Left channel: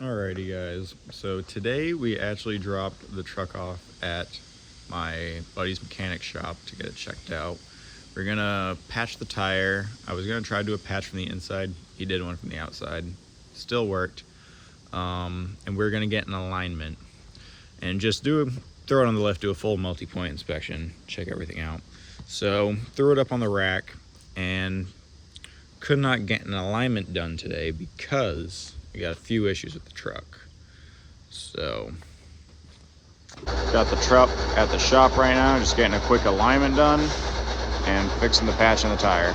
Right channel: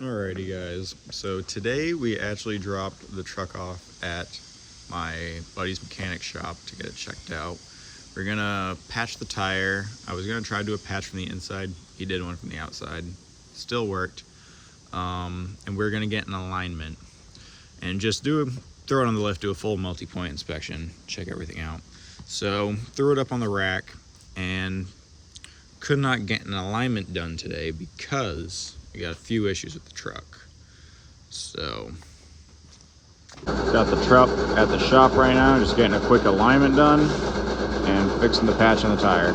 Alrighty guys, so today we actually dropped the truck off at my buddy's mechanic shop to get it checked out. We're gonna patch the tire. I was gonna try to do a patch from the inside. He did one from the outside. Still worked. And we're gonna get an alignment and just throw it on the lift, do a full multi-point inspection, check everything out. So threw it up on the rack and could not get an alignment done today because we got a few issues with the truck. So got the truck at the shop right now, just getting a quick alignment done and fixing the patch on the tire.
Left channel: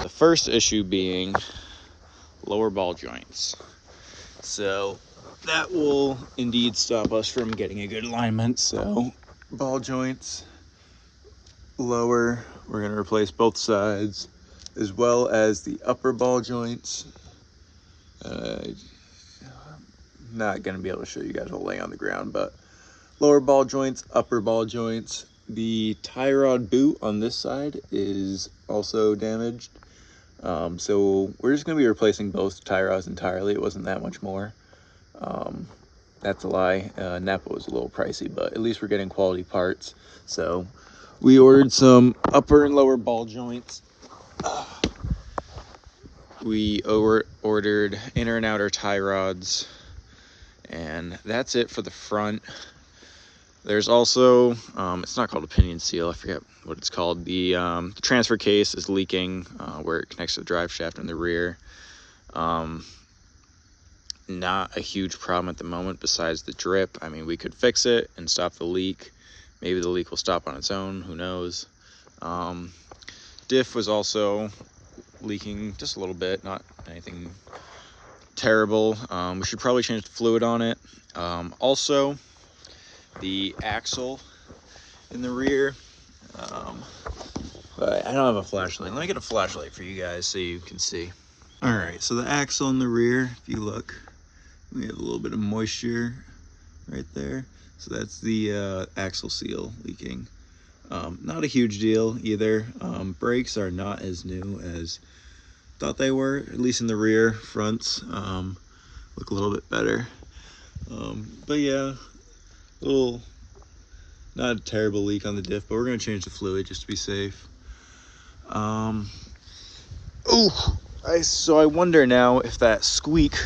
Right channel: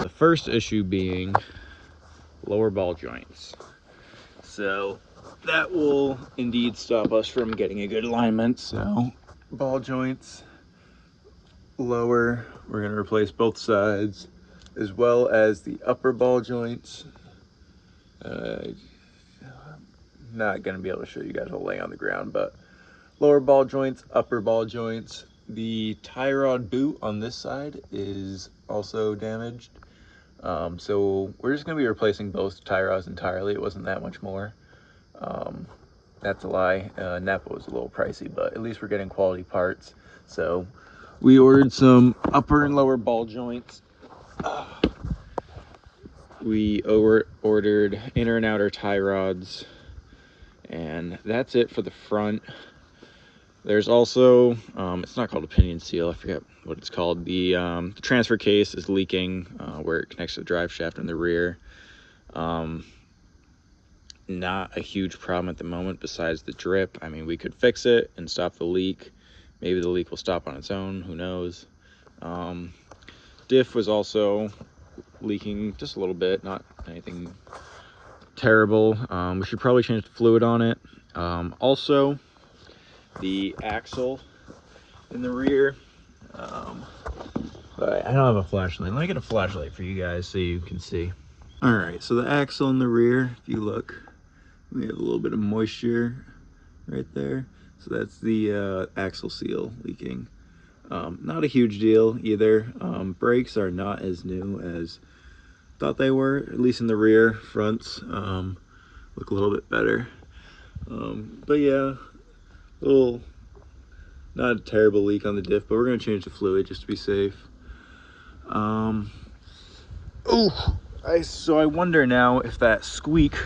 The first issue being lower ball joints. So that will indeed stop us from getting a good alignment. So ball joints lower, we're going to replace both sides, as well as the upper ball joints. Not going to be able to show you guys a lay on the ground, but lower ball joints, upper ball joints. The tie rod boot on this side is also damaged. So we're just going to be replacing both tie rods entirely. It wasn't that much more. That's a lie. Napa was a little pricey, but at least we're getting quality parts. So we ordered some upper and lower ball joints. We ordered inner and outer tie rods, and that's it for the front. There's also, it's not called a pinion seal, I forget what it's called. The transfer case is leaking where it connects to the drive shaft in the rear. Not a huge problem at the moment besides the drip. I mean, we could fix it and stop the leak. Maybe the leak will stop on its own, who knows. Diff was also leaking just a little bit, not anything terrible. We should probably change the fluid on it. Also, the axle in the rear. But I don't have a flashlight. Let me get a flashlight for you guys so you can see. All right, so the axle in the rear, if you look, we have a little bit of moisture right there. So that's the axle seal leaking. Not a huge deal either. Brakes are not as new as thought they were, at least in the rear. Fronts look a little bit better. But yeah, not a terrible leak on the diff, but we're gonna change the fluid just to be safe. So I wonder now if that squeak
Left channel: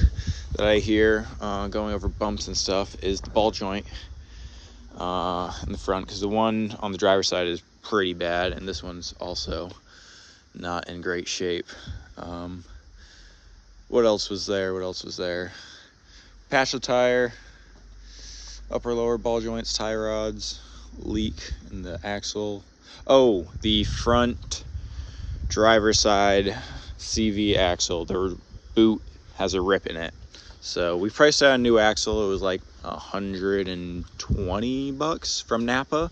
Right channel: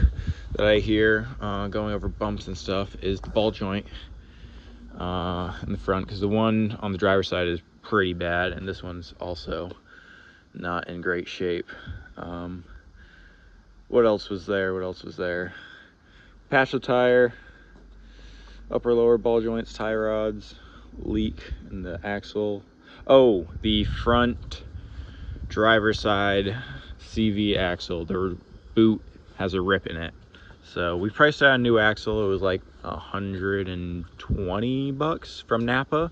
that I hear going over bumps and stuff is the ball joint in the front, because the one on the driver's side is pretty bad, and this one's also not in great shape. What else was there? Patch the tire, upper lower ball joints, tie rods, leak in the axle. Oh, the front driver's side CV axle, the boot has a rip in it. So we priced out a new axle. It was like $120 from Napa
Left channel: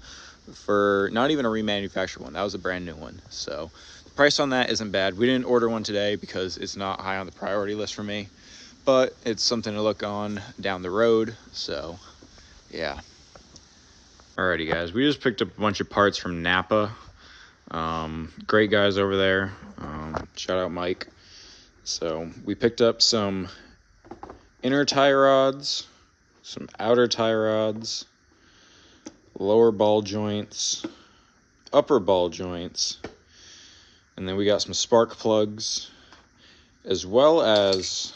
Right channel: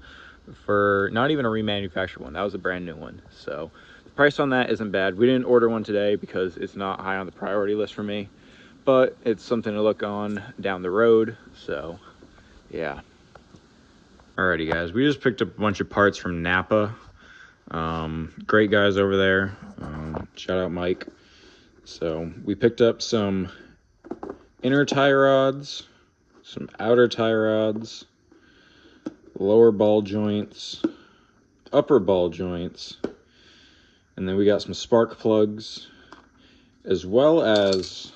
for not even a remanufactured one. That was a brand new one. So the price on that isn't bad. We didn't order one today because it's not high on the priority list for me, but it's something to look on down the road. So yeah. Alrighty guys, we just picked up a bunch of parts from Napa. Great guys over there. Shout out Mike. So we picked up some inner tie rods, some outer tie rods, lower ball joints, upper ball joints, and then we got some spark plugs, as well as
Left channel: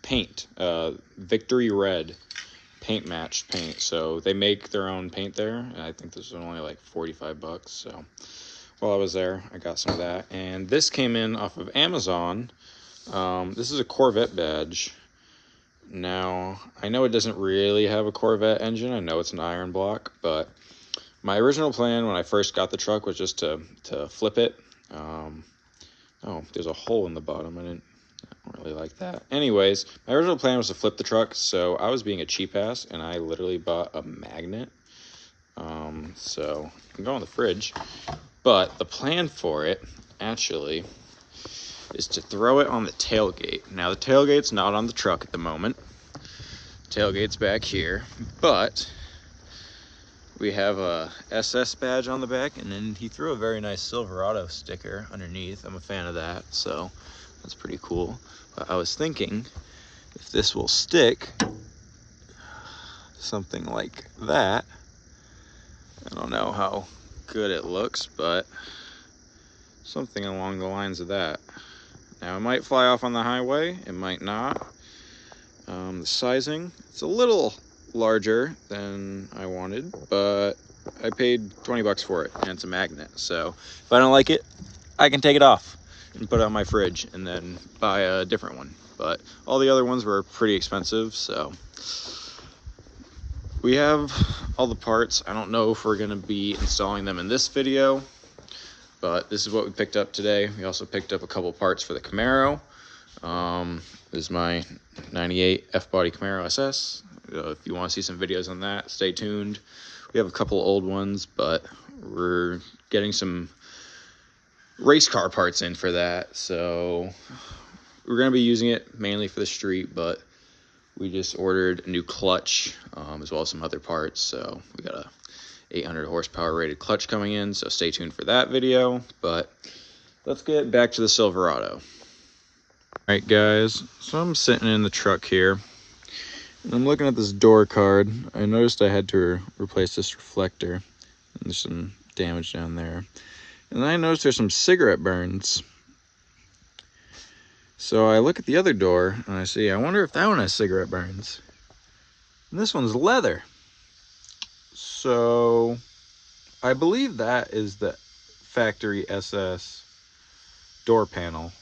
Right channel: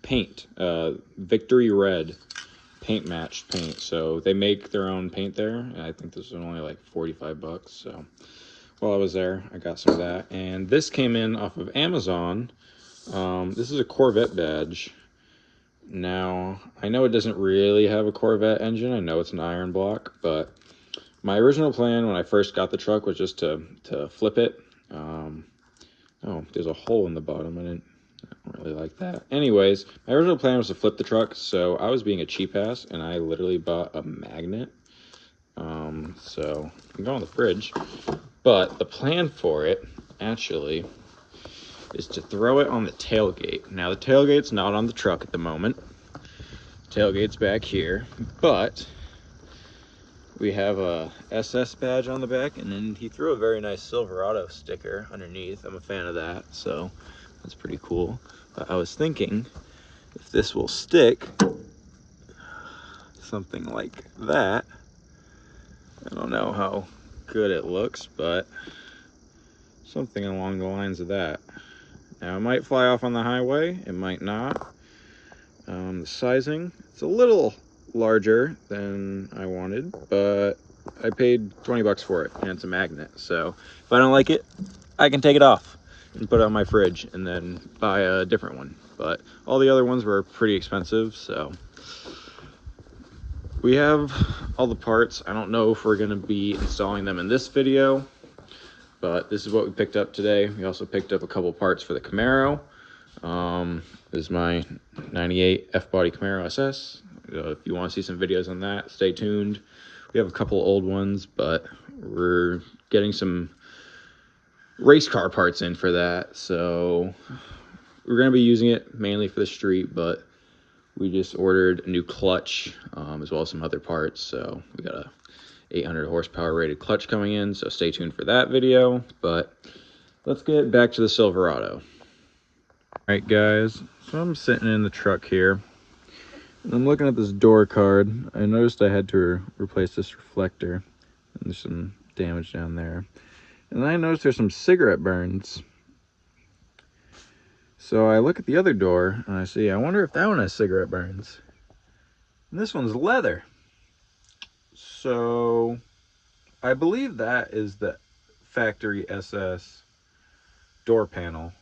paint, Victory Red paint matched paint. So they make their own paint there, and I think this was only like $45. So while I was there, I got some of that, and this came in off of Amazon. This is a Corvette badge. Now, I know it doesn't really have a Corvette engine. I know it's an iron block, but my original plan when I first got the truck was just to flip it. Oh, there's a hole in the bottom. I don't really like that. Anyways, my original plan was to flip the truck, so I was being a cheap ass, and I literally bought a magnet. So I can go in the fridge. But the plan for it, actually, is to throw it on the tailgate. Now, the tailgate's not on the truck at the moment. Tailgate's back here, but we have a SS badge on the back, and then he threw a very nice Silverado sticker underneath. I'm a fan of that, so that's pretty cool. But I was thinking if this will stick, something like that. I don't know how good it looks, but something along the lines of that. Now it might fly off on the highway, it might not. The sizing, it's a little larger than I wanted, but I paid 20 bucks for it, and it's a magnet. So if I don't like it, I can take it off and put it on my fridge and then buy a different one. But all the other ones were pretty expensive, so we have all the parts. I don't know if we're gonna be installing them in this video, but this is what we picked up today. We also picked up a couple parts for the Camaro. This is my 98 F-body Camaro SS. If you want to see some videos on that, stay tuned. We have a couple old ones, but we're getting some race car parts in for that. So we're going to be using it mainly for the street, but we just ordered a new clutch, as well as some other parts. So we got a 800 horsepower rated clutch coming in, so stay tuned for that video. But let's get back to the Silverado. All right, guys, so I'm sitting in the truck here, and I'm looking at this door card. I noticed I had to replace this reflector, and there's some damage down there. And then I noticed there's some cigarette burns. So I look at the other door, and I see, I wonder if that one has cigarette burns. And this one's leather. So I believe that is the factory SS door panel.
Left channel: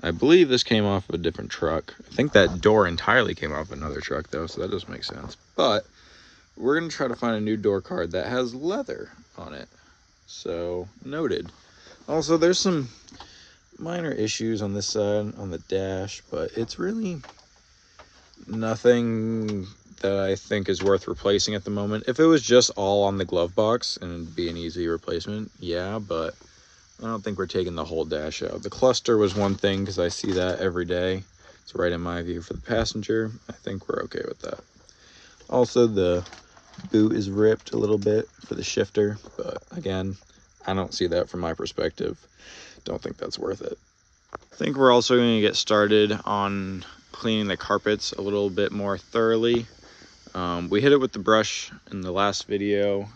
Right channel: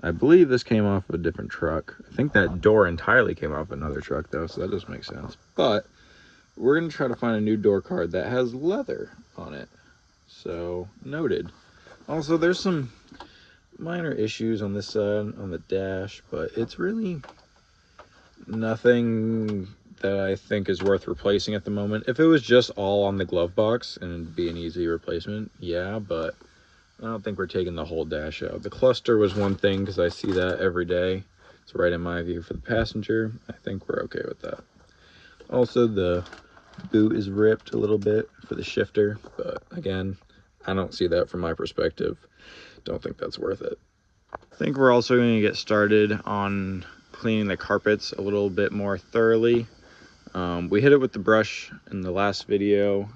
I believe this came off of a different truck. I think that door entirely came off another truck though, so that doesn't make sense. But we're gonna try to find a new door card that has leather on it. So noted. Also, there's some minor issues on this side, on the dash, but it's really nothing that I think is worth replacing at the moment. If it was just all on the glove box and it'd be an easy replacement, yeah, but I don't think we're taking the whole dash out. The cluster was one thing because I see that every day. It's right in my view for the passenger. I think we're okay with that. Also, the boot is ripped a little bit for the shifter, but again, I don't see that from my perspective. Don't think that's worth it. I think we're also going to get started on cleaning the carpets a little bit more thoroughly. We hit it with the brush in the last video.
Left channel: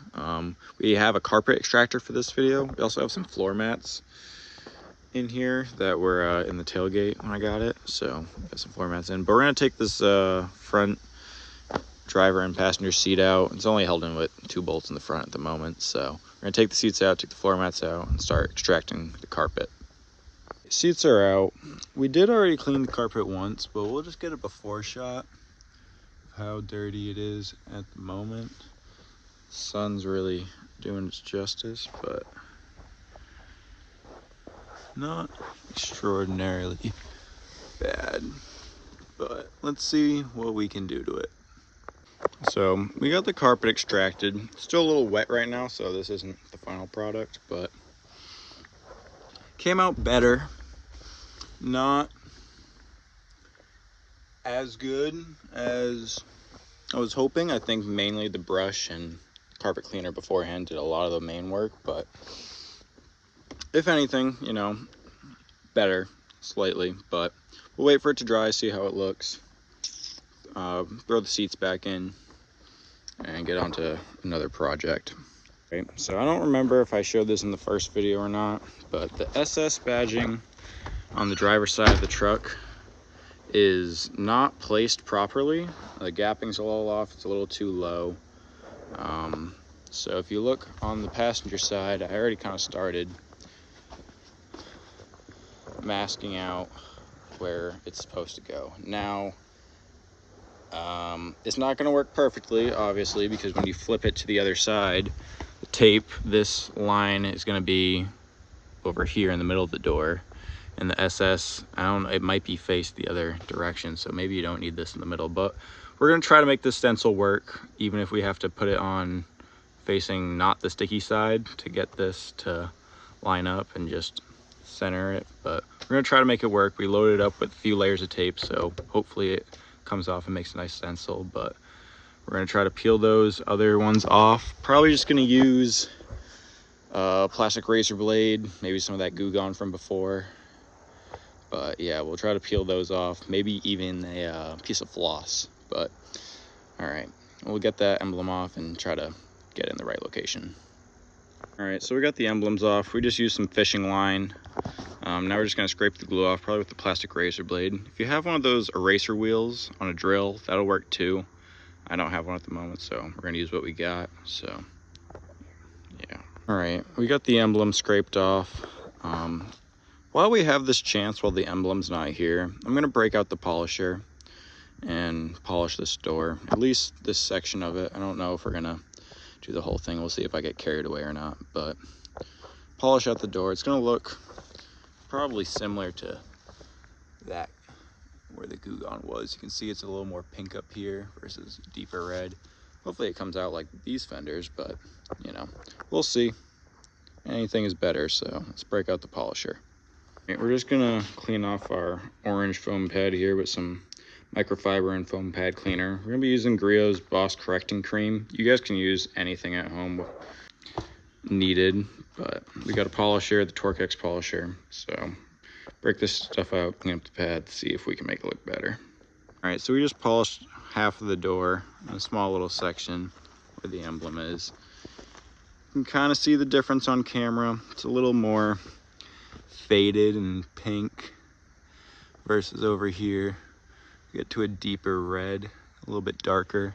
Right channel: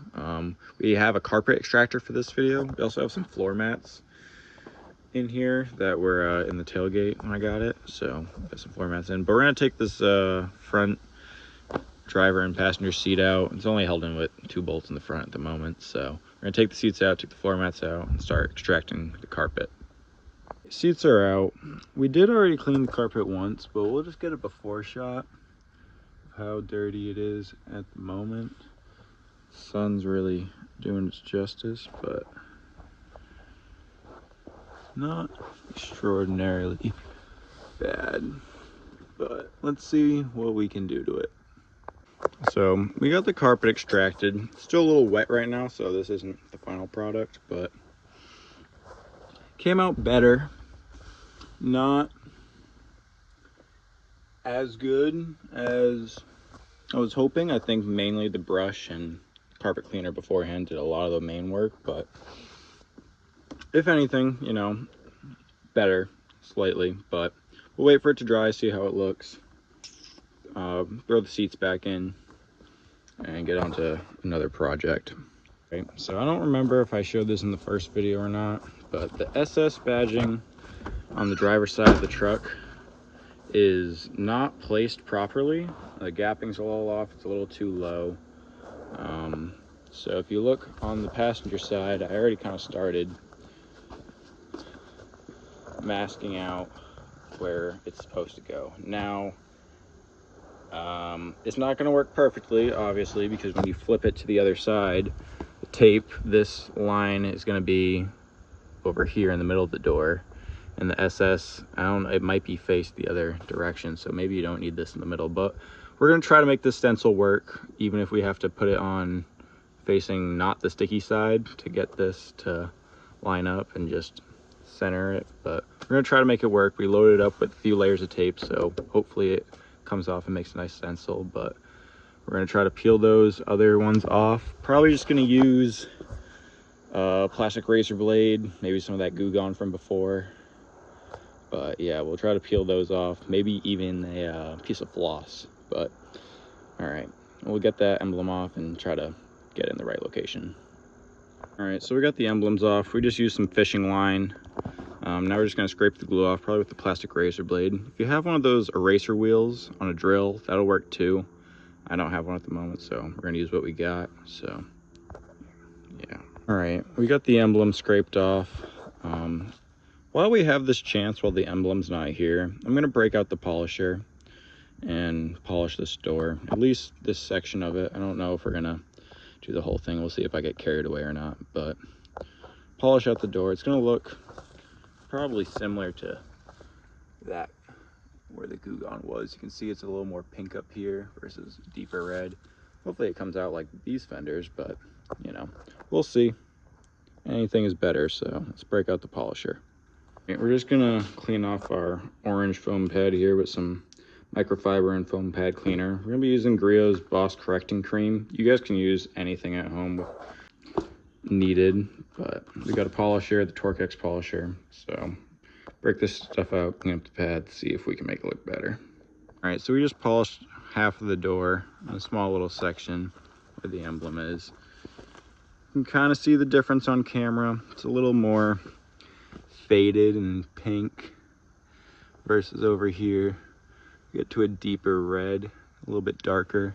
We have a carpet extractor for this video. We also have some floor mats in here that were in the tailgate when I got it. So got some floor mats in, but we're gonna take this front driver and passenger seat out. It's only held in with 2 bolts in the front at the moment. So we're gonna take the seats out, take the floor mats out, and start extracting the carpet. Seats are out. We did already clean the carpet once, but we'll just get a before shot of how dirty it is at the moment. Sun's really doing its justice, but not extraordinarily bad. But let's see what we can do to it. So we got the carpet extracted. Still a little wet right now, so this isn't the final product, but came out better. Not as good as I was hoping. I think mainly the brush and carpet cleaner beforehand did a lot of the main work, but if anything, you know, better slightly. But we'll wait for it to dry, see how it looks, throw the seats back in, and get on to another project. Okay, so I don't remember if I showed this in the first video or not, but the SS badging on the driver's side of the truck is not placed properly. The gapping's a little off, it's a little too low. So if you look on the passenger side, I already kind of started masking out where it's supposed to go. Now, it's not going to work perfectly, obviously, because when you flip it to the other side, the tape, this line is going to be over here in the middle of the door. And the SS, I don't know, it might be faced the other direction, so maybe you don't need this in the middle, but we're going to try to make this stencil work, even if we have to put it on facing not the sticky side to get this to line up and just center it. But we're going to try to make it work. We loaded it up with a few layers of tape, so hopefully it comes off and makes a nice stencil, but we're going to try to peel those other ones off. Probably just going to use a plastic razor blade, maybe some of that Goo Gone from before. But yeah, we'll try to peel those off, maybe even a piece of floss. But all right, we'll get that emblem off and try to get it in the right location. All right, so we got the emblems off. We just used some fishing line. Now we're just gonna scrape the glue off, probably with the plastic razor blade. If you have one of those eraser wheels on a drill, that'll work too. I don't have one at the moment, so we're gonna use what we got, so yeah. All right, we got the emblem scraped off. While we have this chance, while the emblem's not here, I'm gonna break out the polisher and polish this door, at least this section of it. I don't know if we're gonna do the whole thing. We'll see if I get carried away or not, but polish out the door. It's gonna look probably similar to that where the Goo Gone was. You can see it's a little more pink up here versus deeper red. Hopefully it comes out like these fenders, but you know, we'll see. Anything is better, so let's break out the polisher. Okay, we're just gonna clean off our orange foam pad here with some microfiber and foam pad cleaner. We're gonna be using Griot's Boss Correcting Cream. You guys can use anything at home needed, but we got a polisher, the Torque-X polisher, so break this stuff out, clean up the pad, see if we can make it look better. All right, so we just polished half of the door, a small little section where the emblem is. You can kind of see the difference on camera. It's a little more faded and pink versus over here. You get to a deeper red, a little bit darker.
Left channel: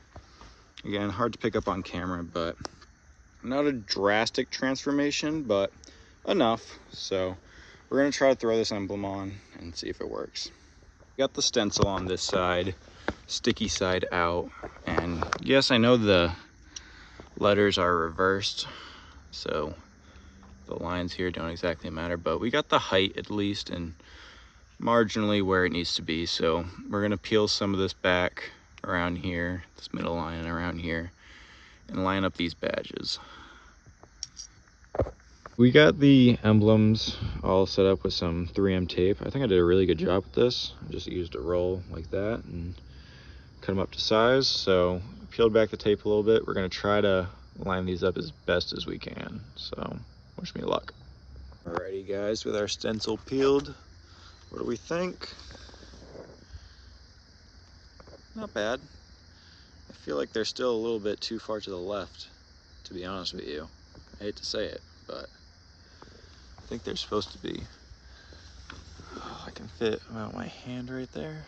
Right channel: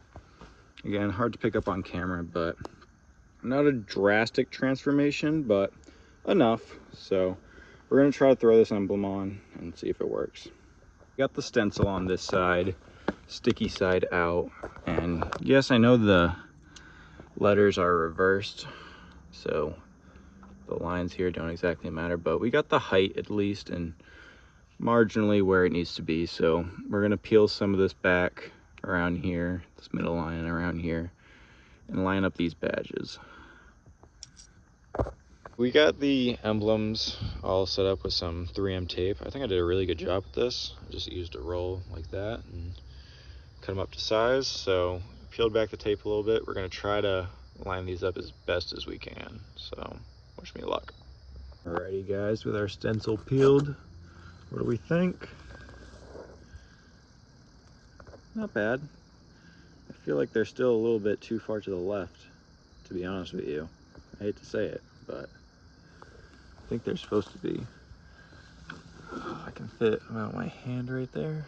Again, hard to pick up on camera, but not a drastic transformation, but enough. So we're gonna try to throw this emblem on and see if it works. Got the stencil on this side, sticky side out, and yes, I know the letters are reversed, so the lines here don't exactly matter, but we got the height at least and marginally where it needs to be. So we're gonna peel some of this back around here, this middle line around here, and line up these badges. We got the emblems all set up with some 3M tape. I think I did a really good job with this. I just used a roll like that and cut them up to size. So peeled back the tape a little bit. We're gonna try to line these up as best as we can. So wish me luck. Alrighty guys, with our stencil peeled, what do we think? Not bad. I feel like they're still a little bit too far to the left, to be honest with you. I hate to say it, but I think they're supposed to be. I can fit about my hand right there.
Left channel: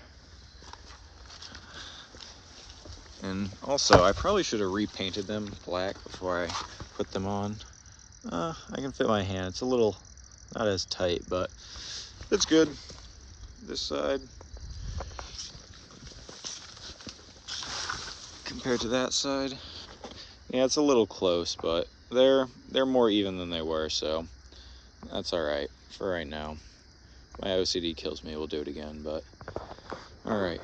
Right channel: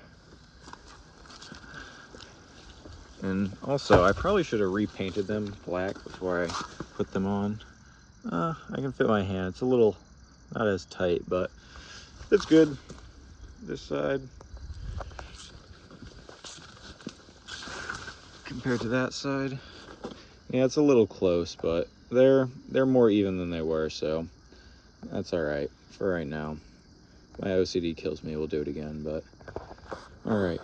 And also, I probably should have repainted them black before I put them on. I can fit my hand. It's a little not as tight, but it's good. This side compared to that side, yeah, it's a little close, but they're more even than they were, so that's all right for right now. My OCD kills me. We'll do it again, but all right.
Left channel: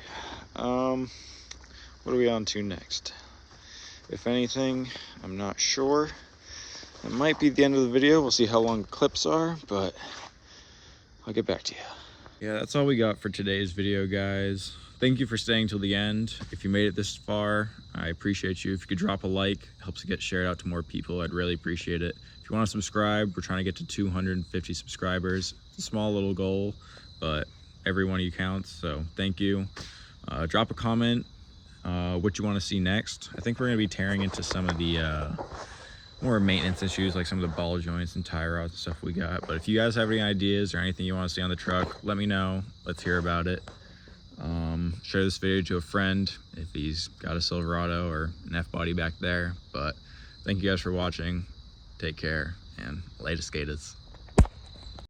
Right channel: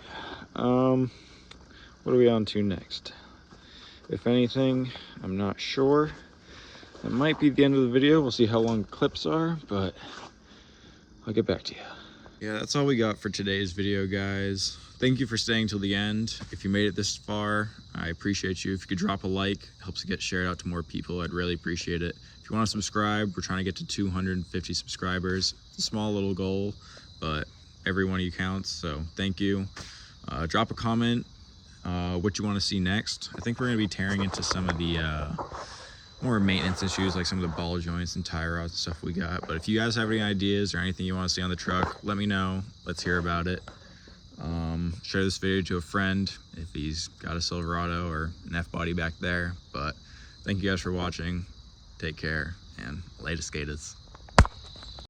What are we on to next? If anything, I'm not sure. It might be the end of the video. We'll see how long the clips are, but I'll get back to you. Yeah, that's all we got for today's video, guys. Thank you for staying till the end. If you made it this far, I appreciate you. If you could drop a like, it helps it get shared out to more people. I'd really appreciate it. If you want to subscribe, we're trying to get to 250 subscribers. It's a small little goal, but every one of you counts, so thank you. Drop a comment what you want to see next. I think we're going to be tearing into some of the more maintenance issues, like some of the ball joints and tie rods and stuff we got. But if you guys have any ideas or anything you want to see on the truck, let me know. Let's hear about it. Share this video to a friend if he's got a Silverado or an F-body back there. But thank you guys for watching. Take care and later, skaters.